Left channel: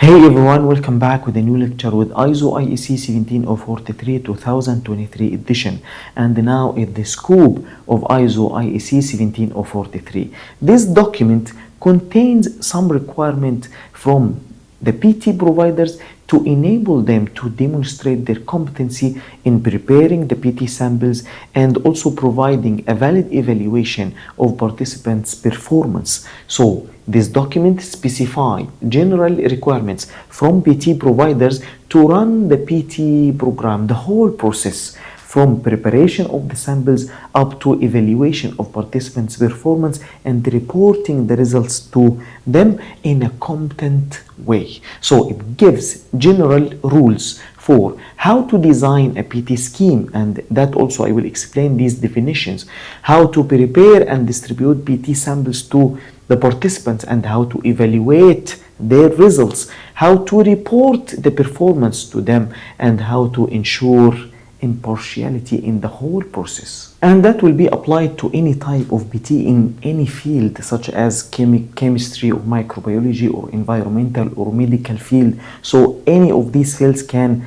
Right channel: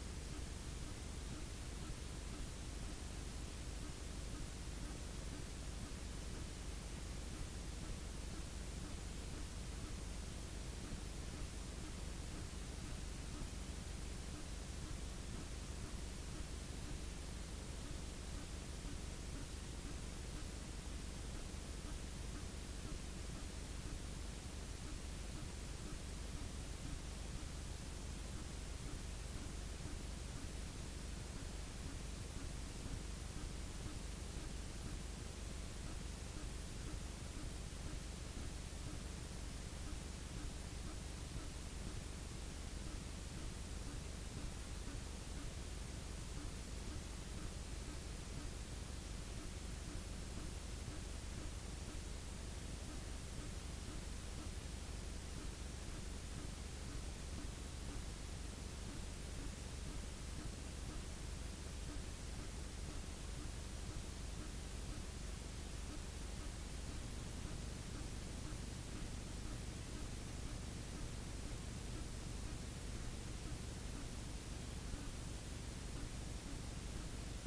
Hey everyone, welcome back with a new lecture with ISO IEC 17043 2023 edition, and now in the scope of ISO IEC 17043. This document contains some requirement from the PT providers to enable them to demonstrate their competency in preparing the PT samples and also providing a valid evaluation of participants' performance. So this document specifies general requirements from PT providers to run the PT program, the whole process from preparation of the samples up to evaluation of participants' performance and reporting the results to them in a competent way. So it gives general rules for how to design a PT scheme, and that also I will explain these definitions, how to prepare and distribute PT samples to the participants and how to evaluate their results, how to report the performance to them, and how to ensure impartiality in the whole process. And that will be applied to any type of PT in any field, such as chemistry or microbiology or environmental or medical field. So any of these fields can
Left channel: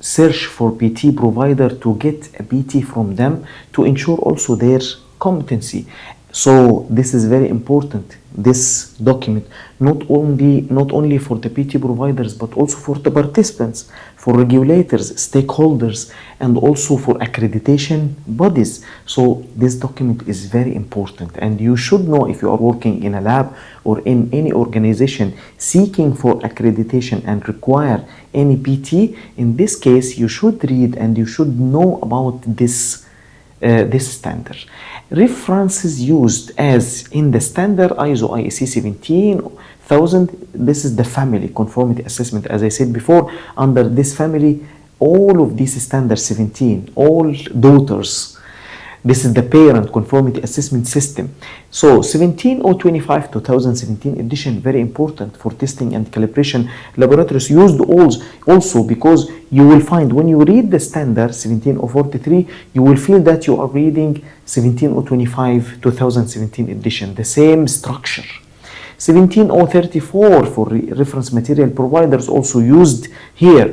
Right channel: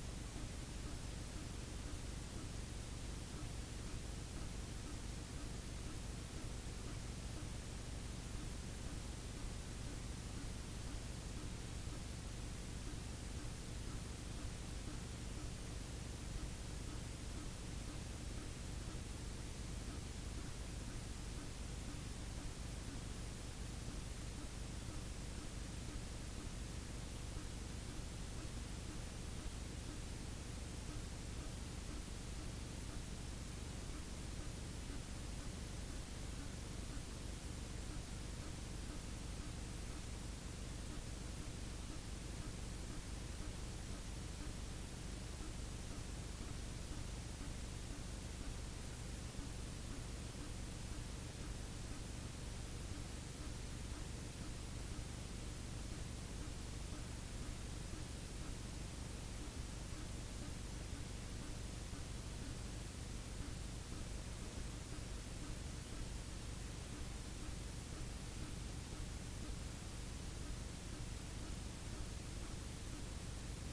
search for PT provider to get a PT from them to ensure also their competency. So this is very important, this document, not only for the PT providers but also for the participants, for regulators, stakeholders, and also for accreditation bodies. So this document is very important, and you should know if you are working in a lab or in any organization seeking for accreditation and require any PT. In this case, you should read and you should know about this standard. References used as in the standard ISO IEC 17000, this is the family conformity assessment. As I said before, under this family, all of these standards 17, all daughters. This is the parent conformity assessment system. So 17025 2017 edition, very important for testing and calibration. Laboratories used also because you will find when you read the standard 17043, you will feel that you are reading 17025 2017 edition, the same structure. 17034 for reference material providers also used here.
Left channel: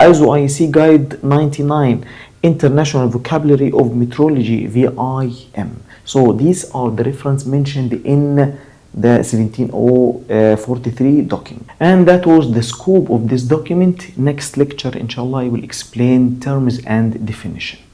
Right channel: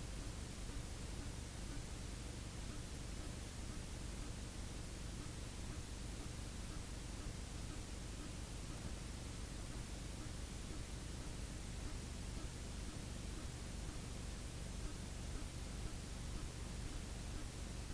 ISO IEC Guide 99, International Vocabulary of Metrology, VIM. So these are the reference mentioned in the 17043 document. And that was the scope of this document. Next lecture, inshallah, I will explain terms and definition.